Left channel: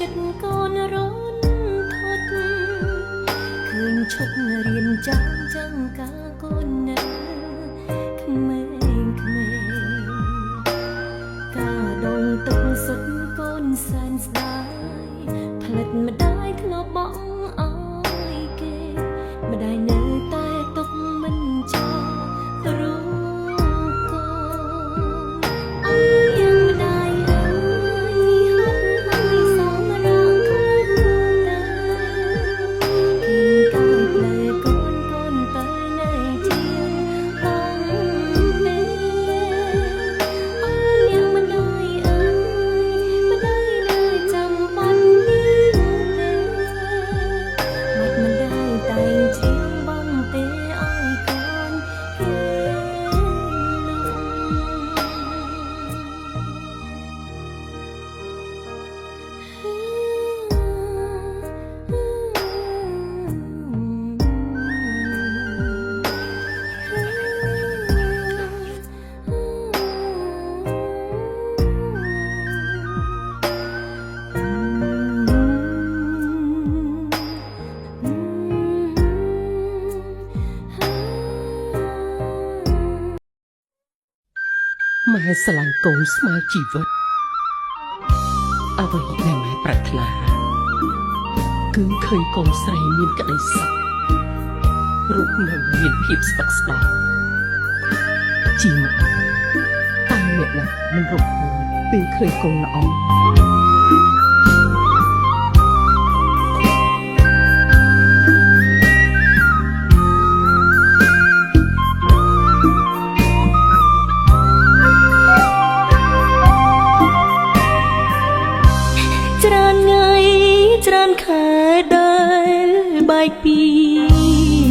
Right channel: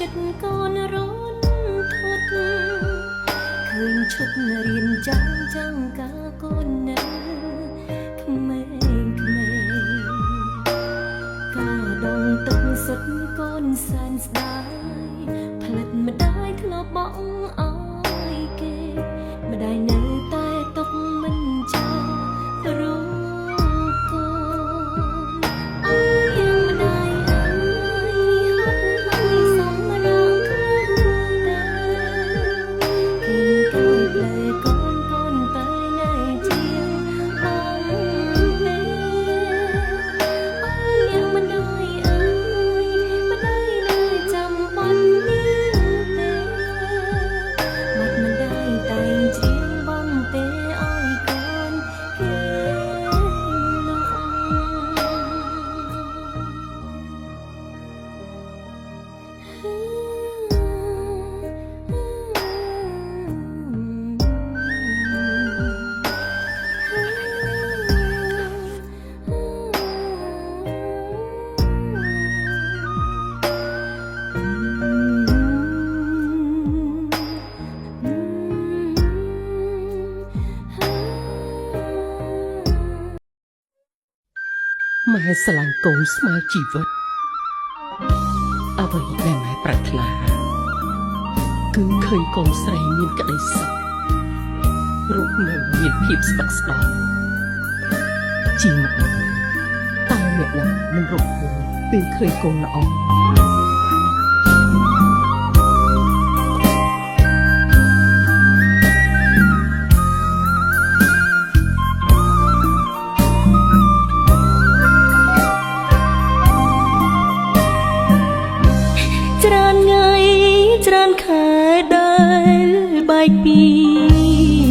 ចិត្តកូនរនធត់ឃើញឈុតរៀនចាំការកូននៅក្មេងការដងទឹកសុទ្ធកូនសែនស្ដាយផ្លិតម្ដាយធ្លាប់បងអើយគេម្ដាយនៅតែទុកមិនចោលរូបកូនអើយម្ដាយអើយហត់ហើយសំរងខ្លួនតែគិនកាយផ្លែកូនទៅនៅជាបងពេអើយម្ដាយអើយម្ដាយនៅចាំបាត់នេះទេមាត់ម្ដាយតែងជ្រៀងបងទេអើយកូនគេម៉ែស្រឡាញ់កូនស្មើជីវិតអ្វីដែលម៉ែប្រាថ្នាគឺឃើញកូនស្រីមានក្តីសុខរូបនៅមានភាពស្បឹកស្បាជាម្ដាយតើអ្នកណាមិនរំភើបពេលឃើញកូនល្អច្រើនថ្ងៃច្រើនខែដែលបែកពី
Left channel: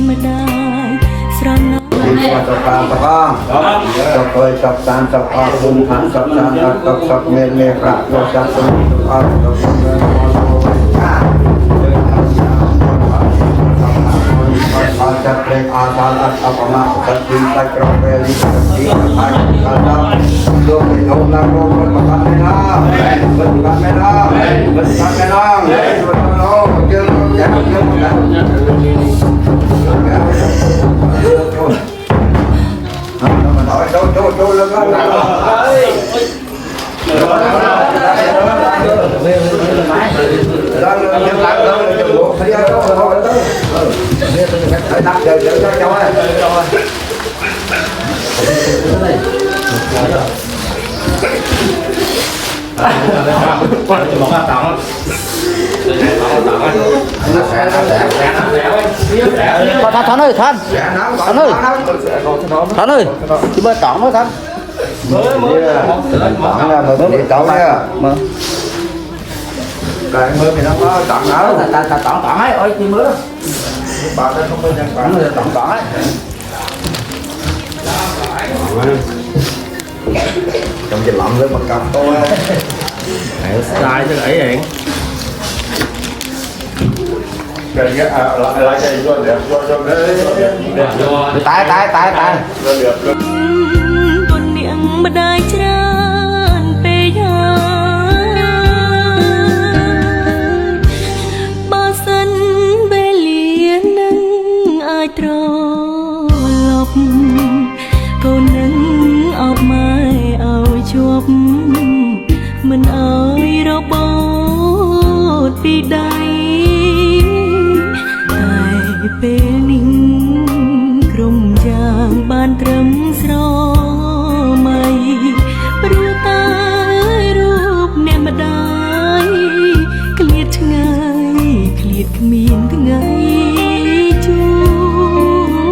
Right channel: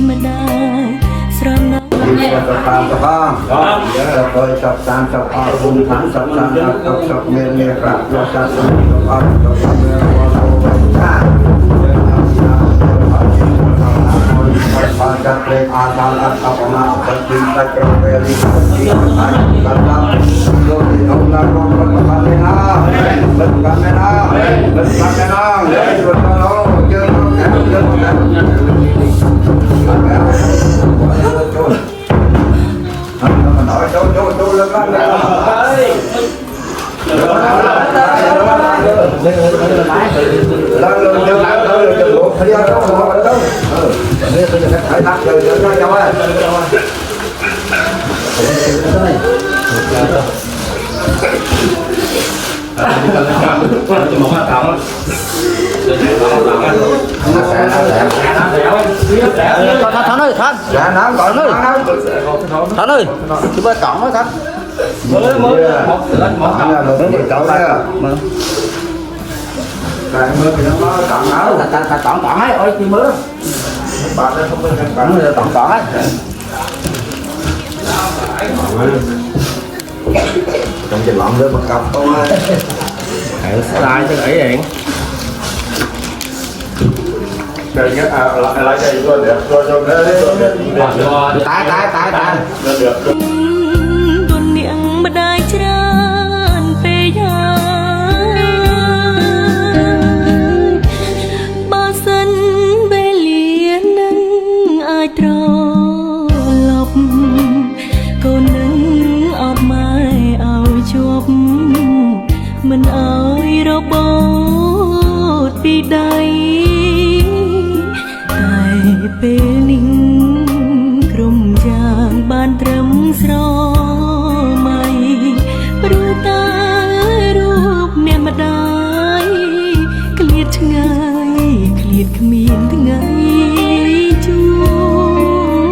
ម្ដាយស្រណោ tập ba tập ba tập tôi tập tan tập ba cùng thắng tập tan tập tập miền miền cả lo sát tôi tập ba tập tập tập lên asal apana tapi tak kembali seperti kata do ông là con kamera kamera Đâu lên lên Thắng ơi, Thắng. Dạ, Thắng, Thắng ơi. Thắng ơi, chị bơi tỏng thôi Thắng. Tỏng là một cái cậu nha. Bạn mưa thì nó có tỏng ở, ta tỏng ấy, ôi chị mưa. Bạn ơi, không có chân tỏng nữa, tỏng ấy. Trong cái lọn với một cặp thôi. Sai cho gãy điện. Tại Tuần miệngម្ដាយច្រើនពេកហើយបើសិនវេលានឹងអាចត្រឡប់កូននឹងអបម៉ែឲ្យជាប់មិនឲ្យរបូតពីដៃតែពេលនេះក្រុមយ៉ាងបានត្រឹមស្រមៃព្រោះតែរូបអ្នកម្ដាយឃ្លាតឆ្ងាយឃ្លាតគ្មានថ្ងៃជួប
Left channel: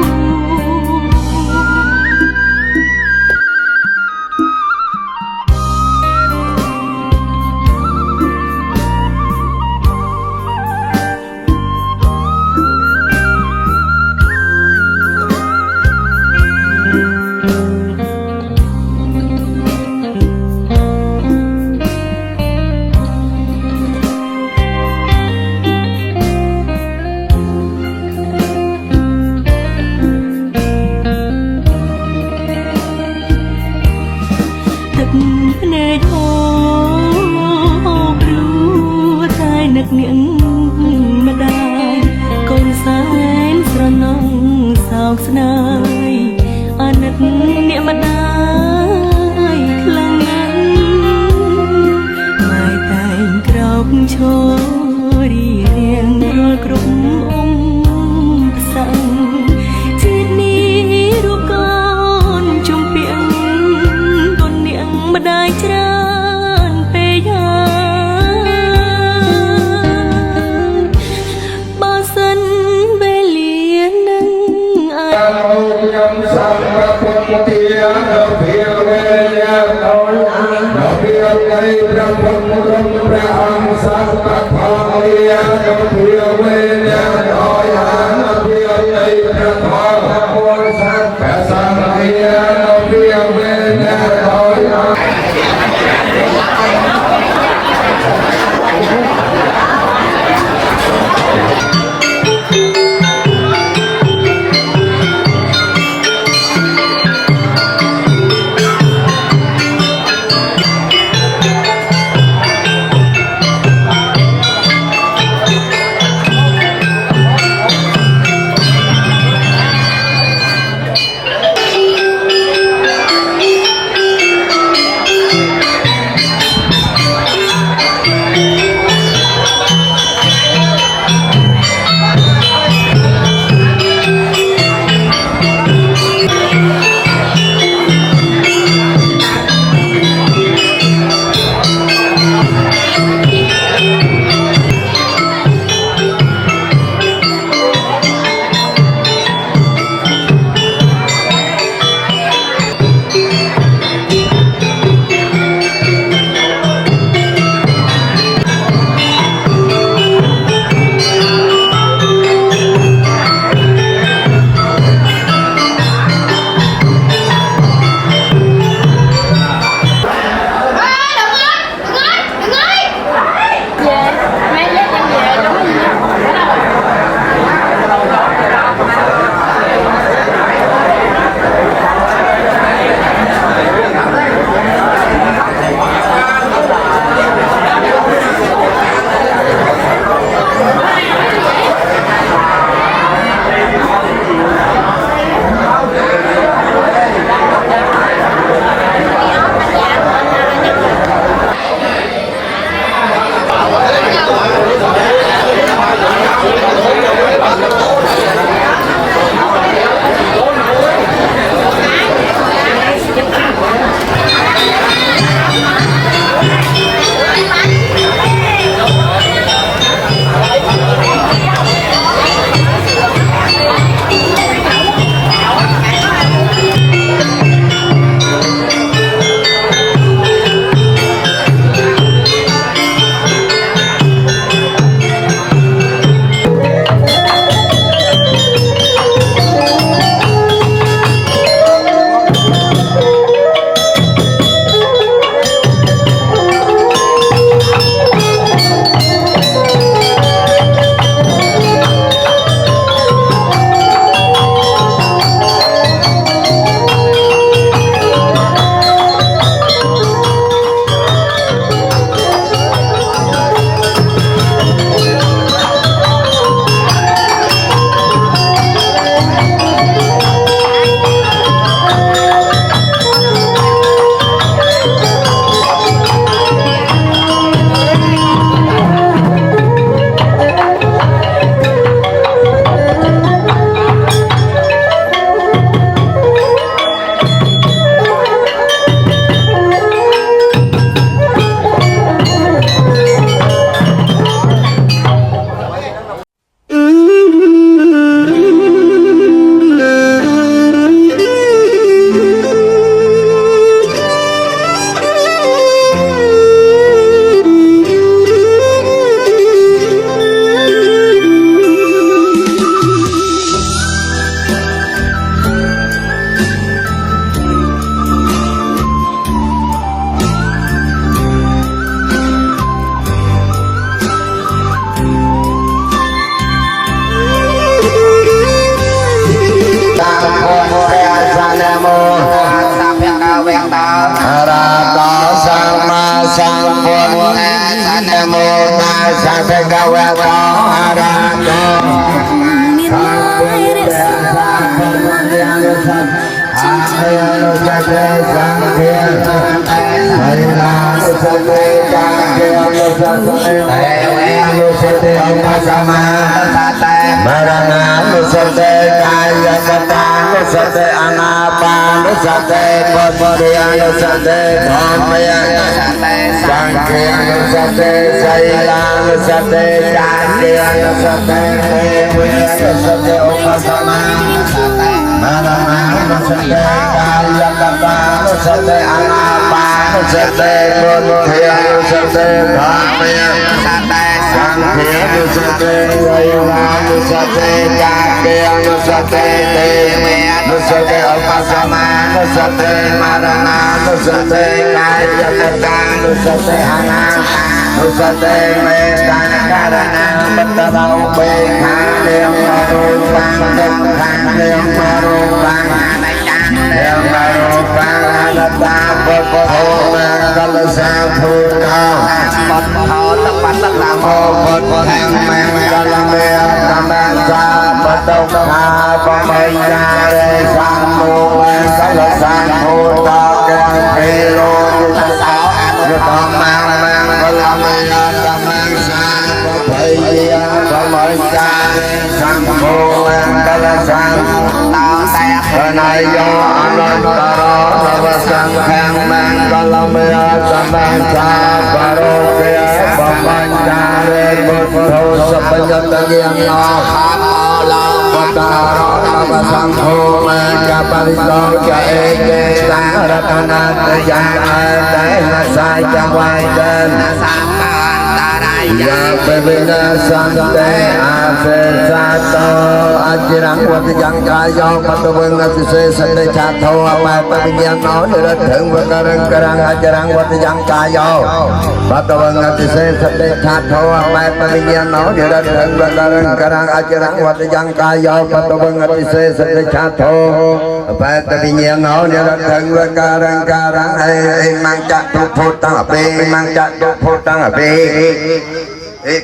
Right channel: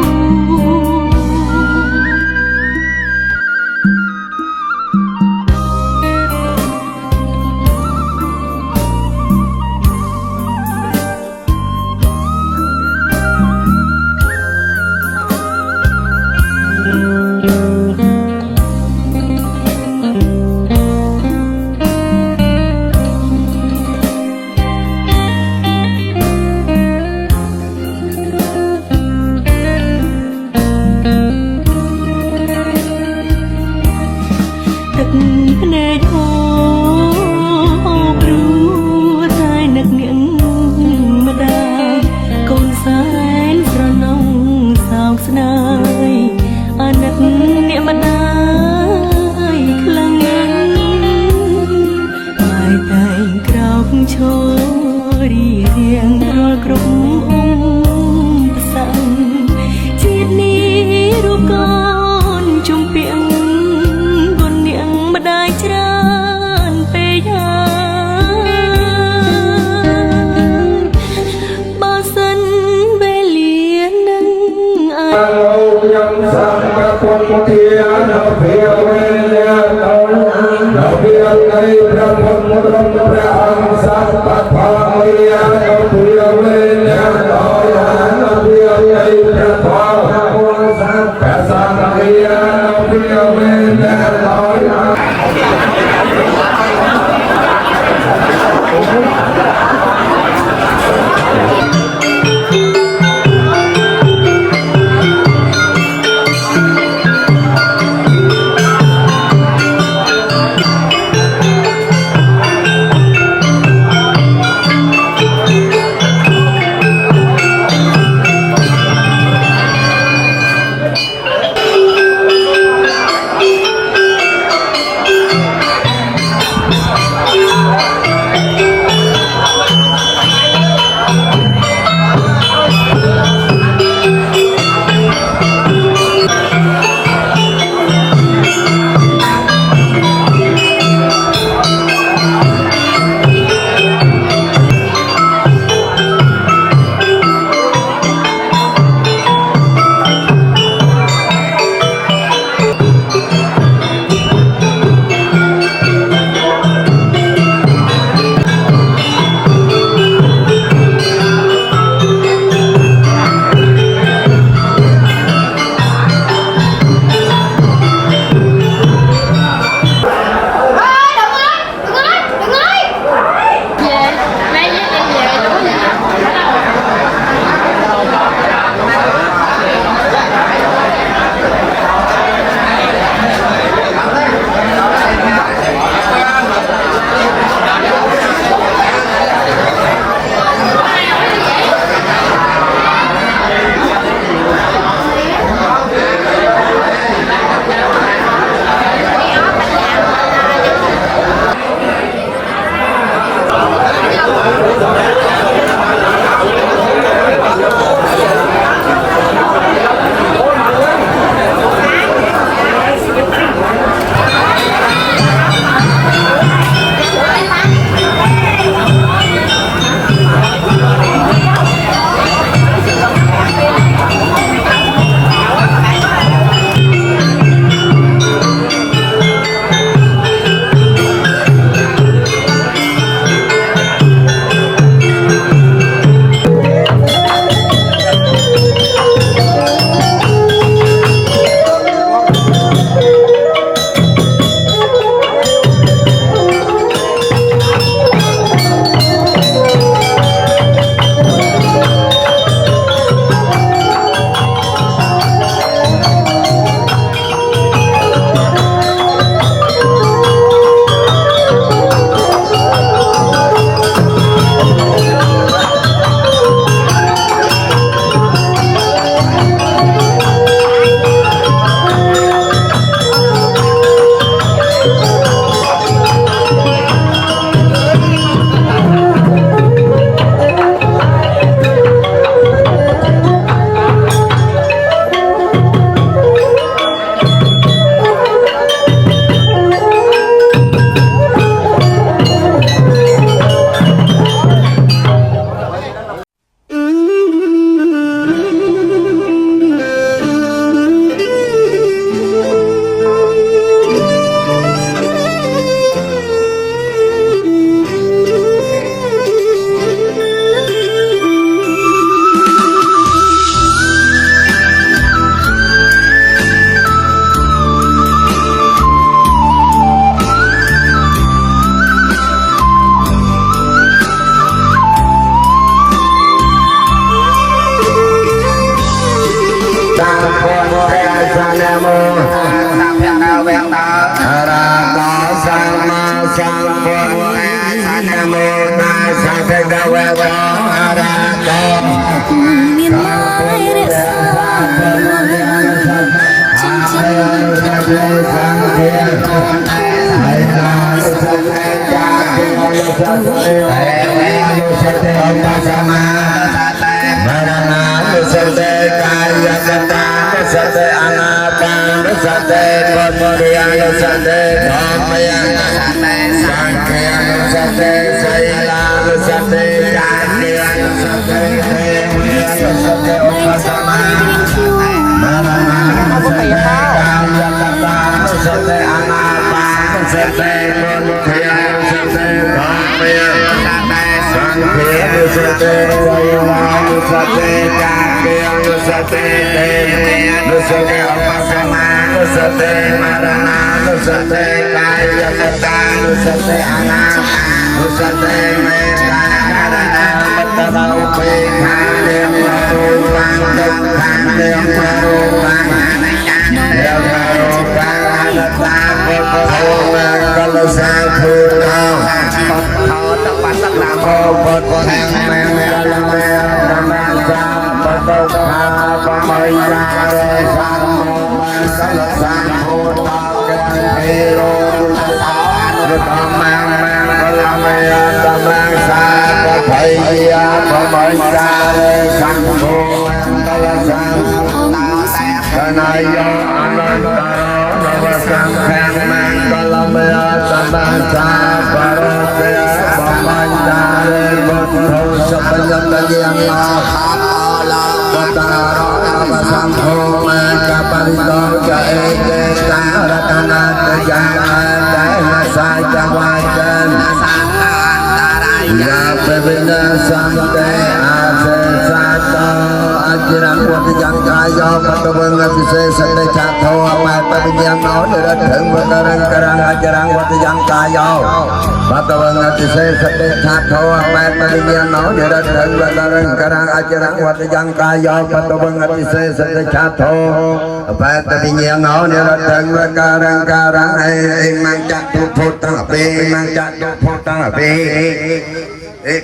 រីរៀងរាល់គ្រប់អង្គផ្សាំងជាតិនេះរូបកូនជំពាក់គុណនាងម្ដាយច្រើនពេកហើយបើសិនវេលានឹងអាច ខ្ញុំសូមប្រពន្ធទានភាវេលាដោយភាវនៃព្រះពុទ្ធព្រះអង្គសត្វតថាយាភាវេលាដោយភាវនៃព្រះធម៌អង្គសត្វសង្ឃយាភាវេលាដោយ មានម៉ែរក្សាចិញ្ចឹមផ្ទះកូនធំហើយមកសុខ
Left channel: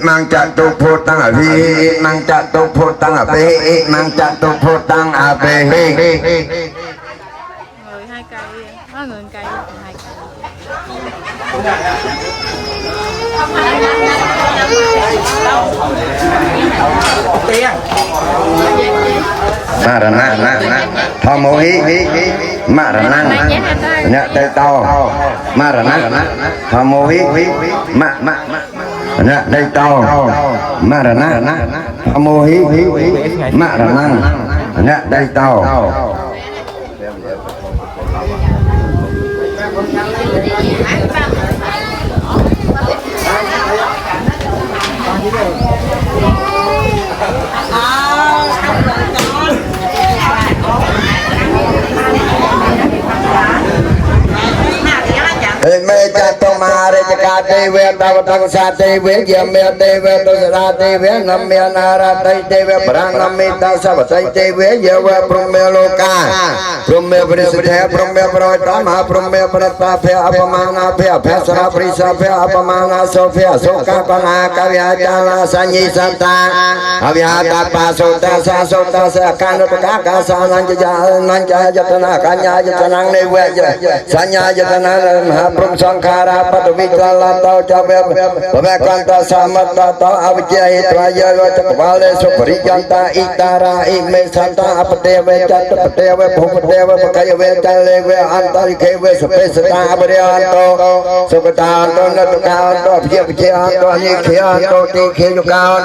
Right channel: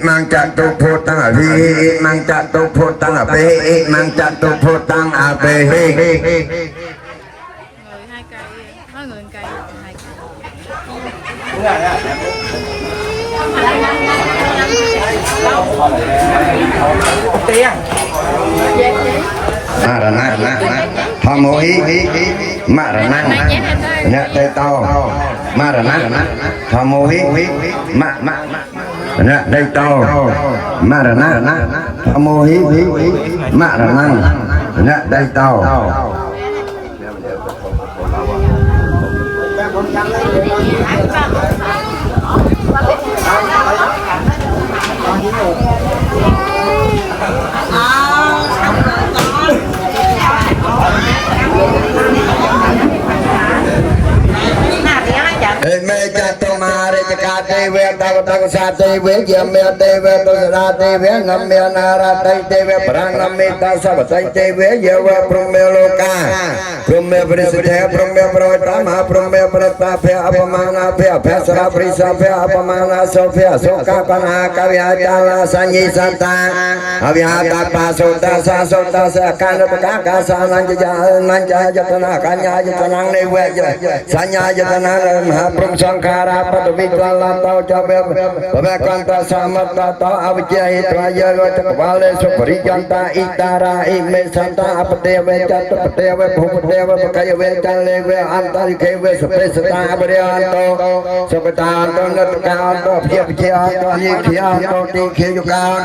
mang jatuh putang api mang jatuh putang api mang jatuh putang api người hai cây có người cây marana thamohi marana nya tê to marana thamohi nya đây to marana thamohi marana nya đây to mê cha tô ma re cha ca tê ve ta ta sa tê ve ye me tê ve to sa tê ve nam me na ra tê ve pra nam me ta sa tê ve ye ve prum me loka prum me prisithe prum me prota ma prum me prata phe apamana phe phe sara prisa phe apamana so phe so ka kana ka vya cha la sa nyi sa ta avya ta pa so ta sa ka na ka sa nan ja jatana ka nya jatana ne ve sa nya jatana ma prum sankhara pad vikala tau cabe pemekanta samata ta avijaya traya cakvale supriyanta ikara ime santa apateve catapateve bhupateve pakayave caleve antarikeve supesata abhyanto sukatanto natkanto bhyavanto nikyanto tikhyukan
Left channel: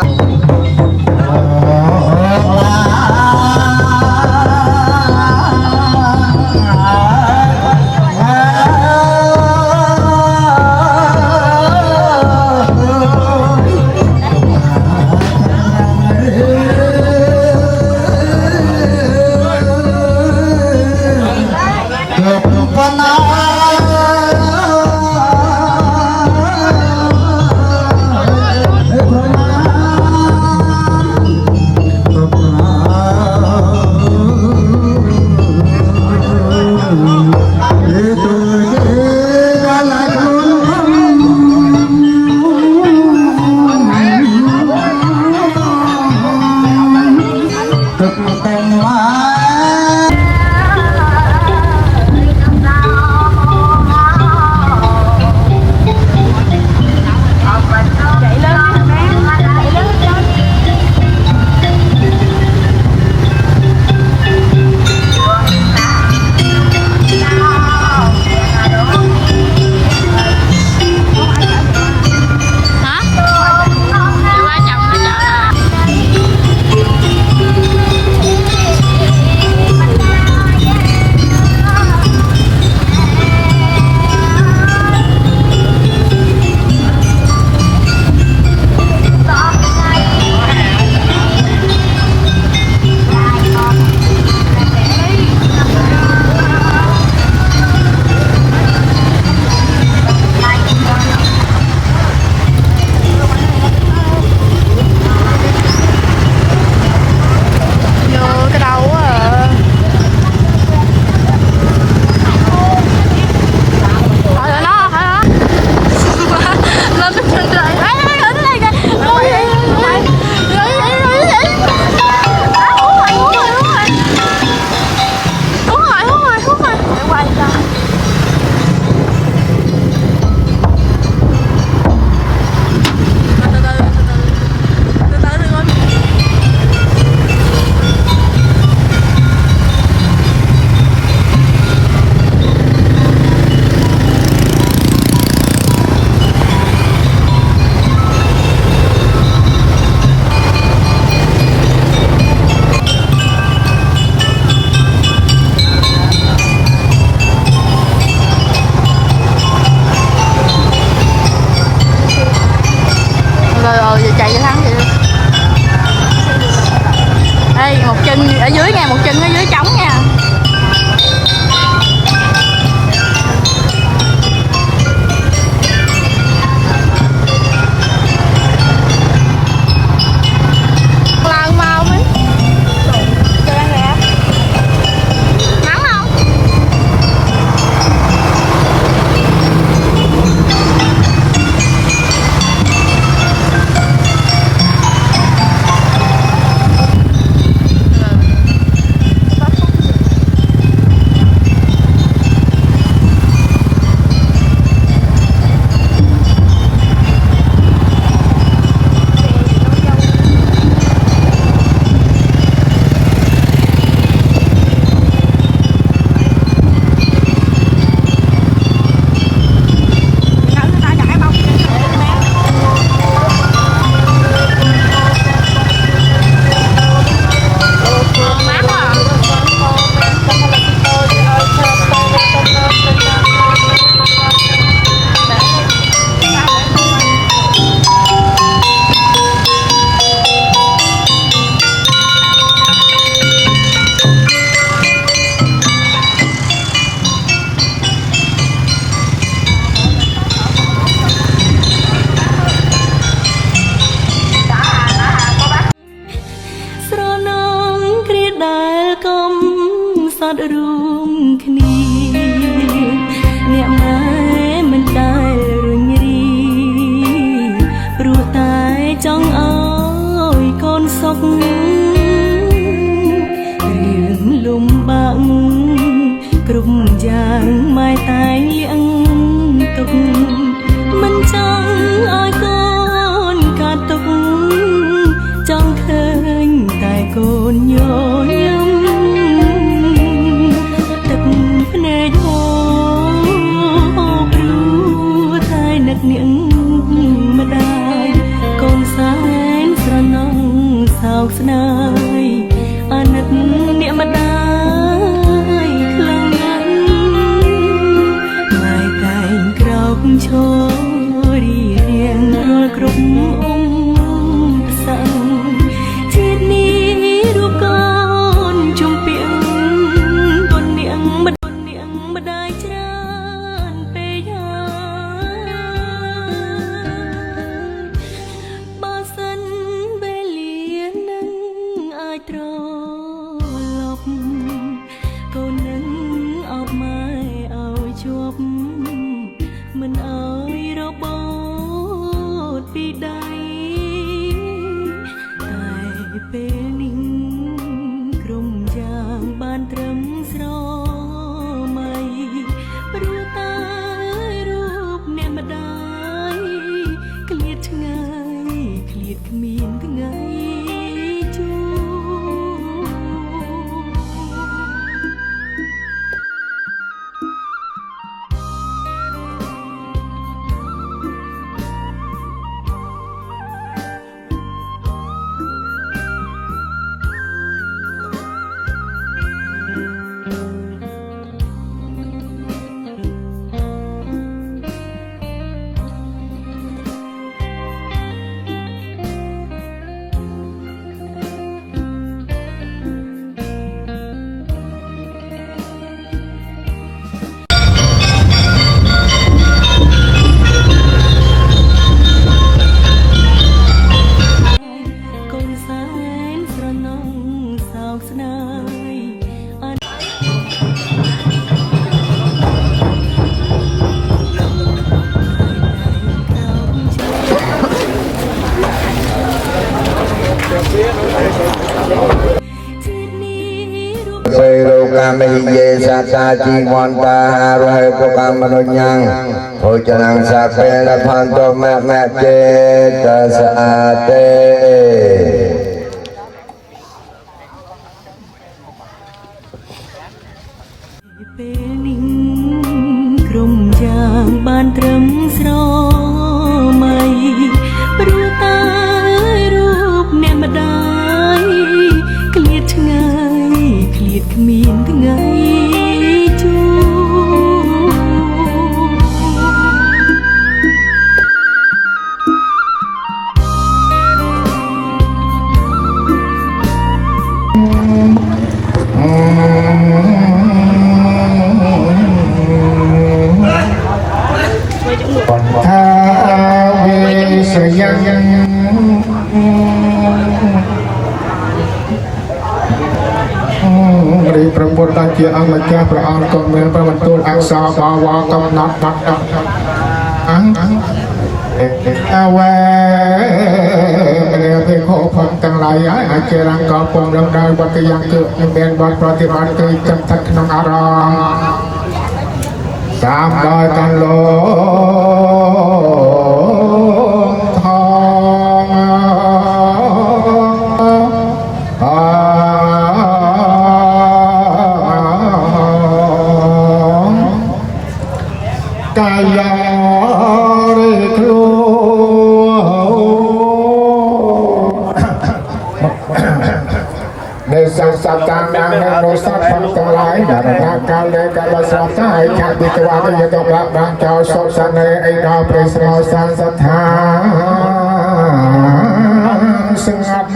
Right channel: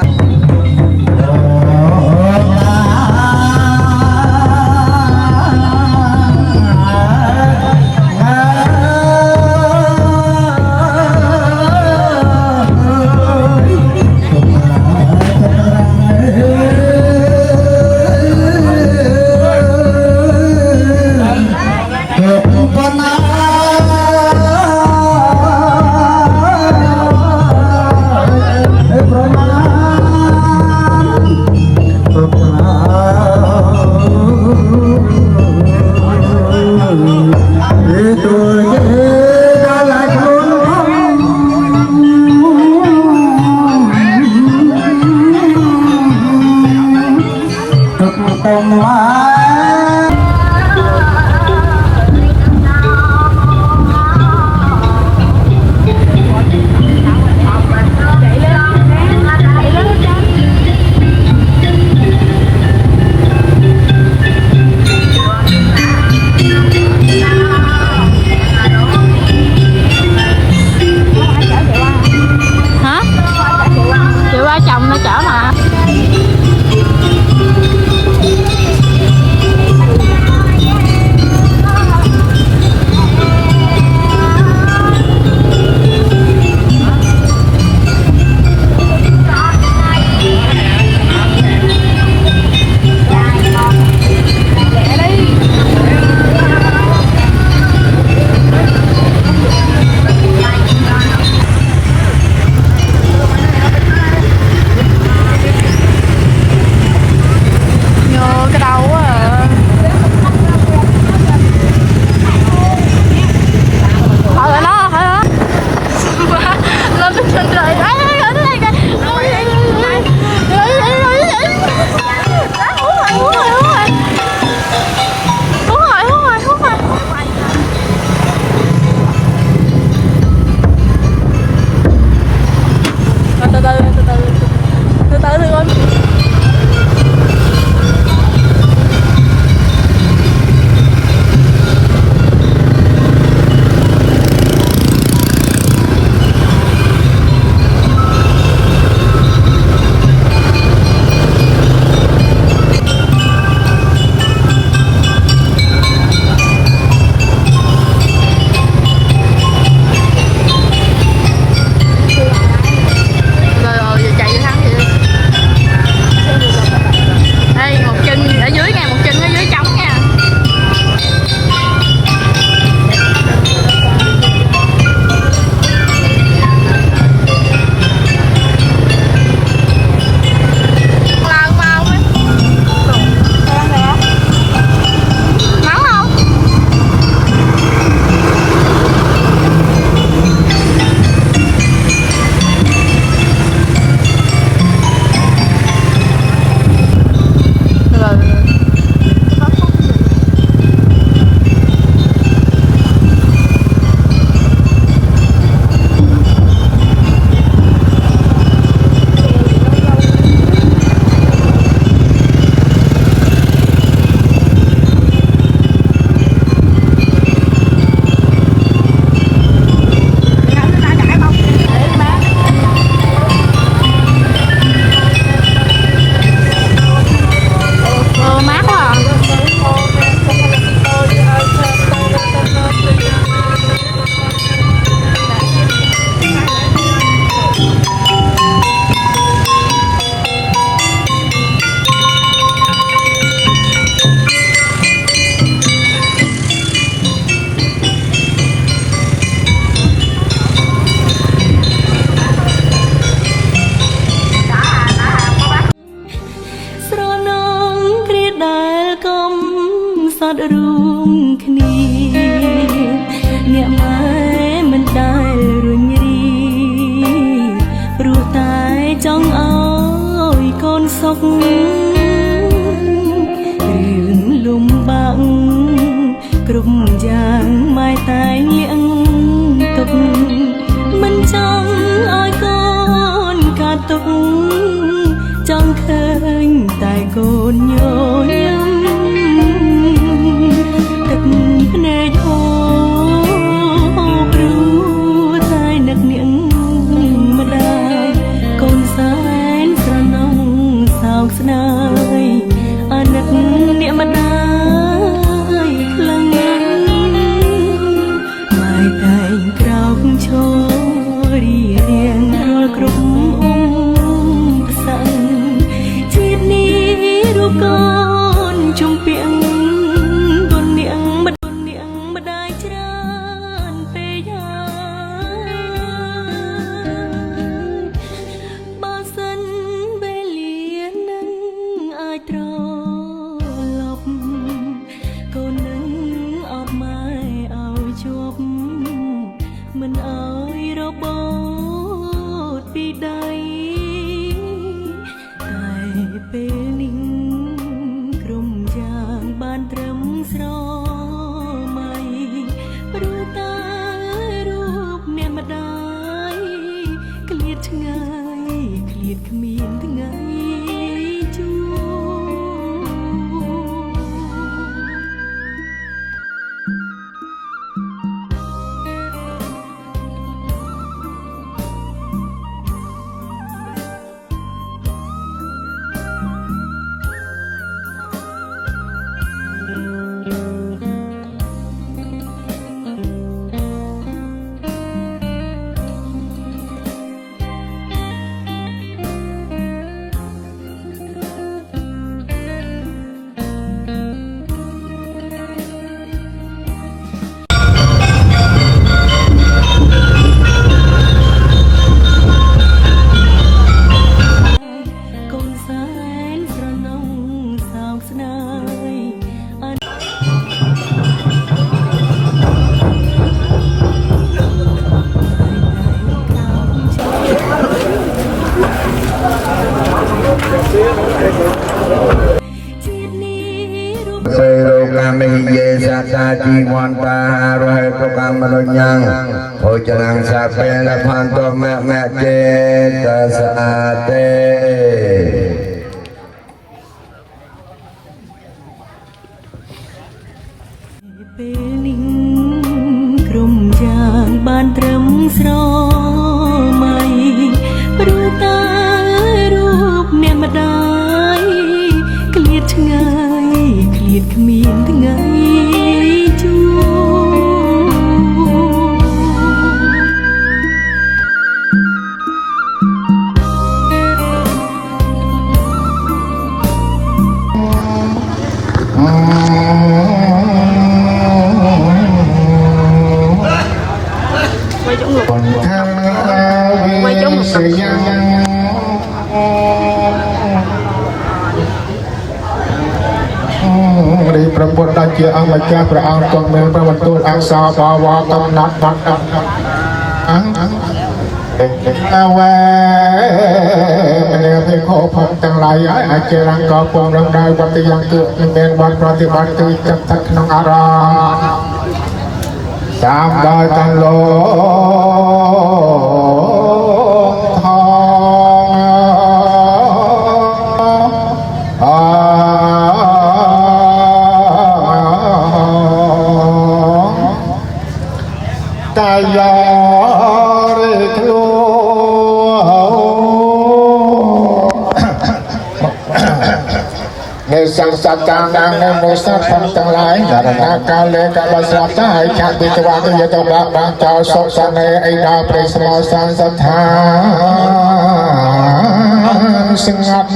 សតរួមគ្នាអ្នកម៉ែមិនដែលរុញរីព្រោះតែចង់អើយកូនសុខរឿងលំបាកគ្រប់យ៉ាងម៉ែតែងលៀងទុកមិនចង់ឲ្យកូនកាត់ទុកចង់ឃើញតែកូនញញឹមទឹកភ្នែកហូរព្រោះតែនឹកនាងម្ដាយកូនសែនស្រណងសោកស្ដាយអាណិតអ្នកម្ដាយខ្លាំងណាស់ម៉ែតែងក្រោកឈររៀងរាល់គ្រប់អ៊ំផ្សឹងជាតិនេះរូបកូនជុំពីងគុណនាងម្ដាយច្រើនពេកហើយបើសិនវេលានឹងអាចត្រឡប់កូននឹងអបម៉ែឲ្យជាប់មិនឲ្យរបូតពីដៃតែពេលនេះក្រុមយ៉ាងបានត្រឹមស្រមៃព្រោះតែរូបអ្នកម្ដាយឃ្លាតឆ្ងាយឃ្លាតគ្មានថ្ងៃជួ ជាតិនេះរូប សេរោកាមិយេសតាជីវន្តារហេតុកម្មរញ្ញងភោចនាងសាពេលផន្តមមចេតសាតេ ពេលនេះក្រុមយ៉ាងបានត្រឹមស្រមៃព្រោះតារូបអ្នកម្ដាយក្លៀតឆ្ងាយក្លៀតគ្មានថ្ងៃជួថាវិសយ៉ាងរីប្រពុតដល់ជាអម្ចាស់ព្រះអង្គក៏មានប្របន្ទូលអក្សរបាវកំណាត់បាត់អវ៉ាអ្នកពេលខោផងទាំងឡាយអាចជារងកោពងរំដៅបទយ៉ាងគឺមានបទប្រតិបត្តិគឺចិត្តទឹកក្នុងអារម្មណ៍តាមដោយកាន់លោថងកាយារិគ្រូในสังสัตตานังในโนสัตพันทั้งหลายดารนาการเลกาบสัตตาให้ชาติกวาก็ยตบะบางเจ้าโสสันในไอดาวเพสมาสันสัทธาสิงัด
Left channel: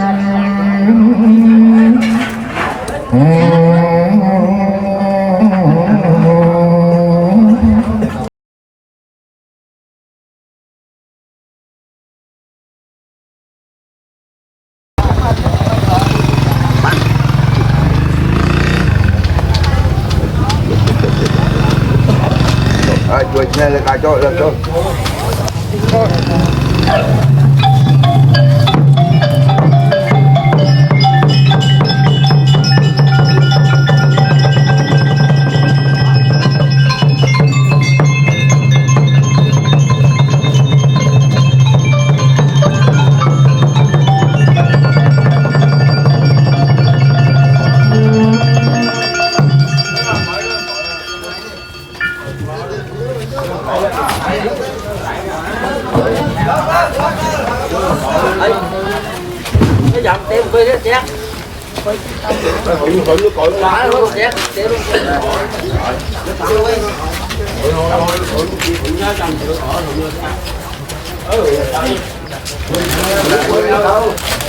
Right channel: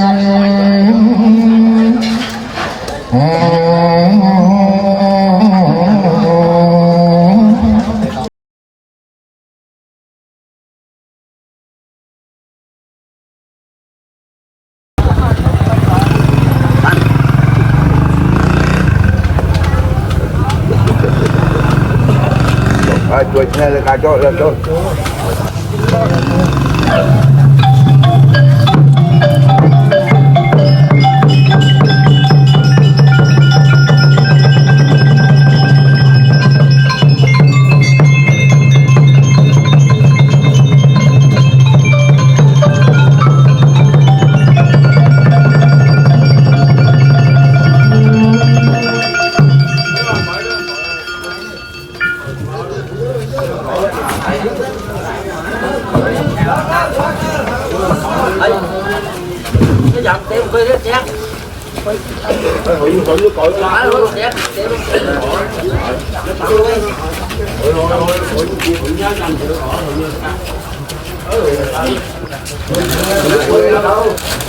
ជួយគ្នាលើការចូលលើចូល Hãy subscribe cho kênh Ghiền Mì Gõ để không bỏ lỡ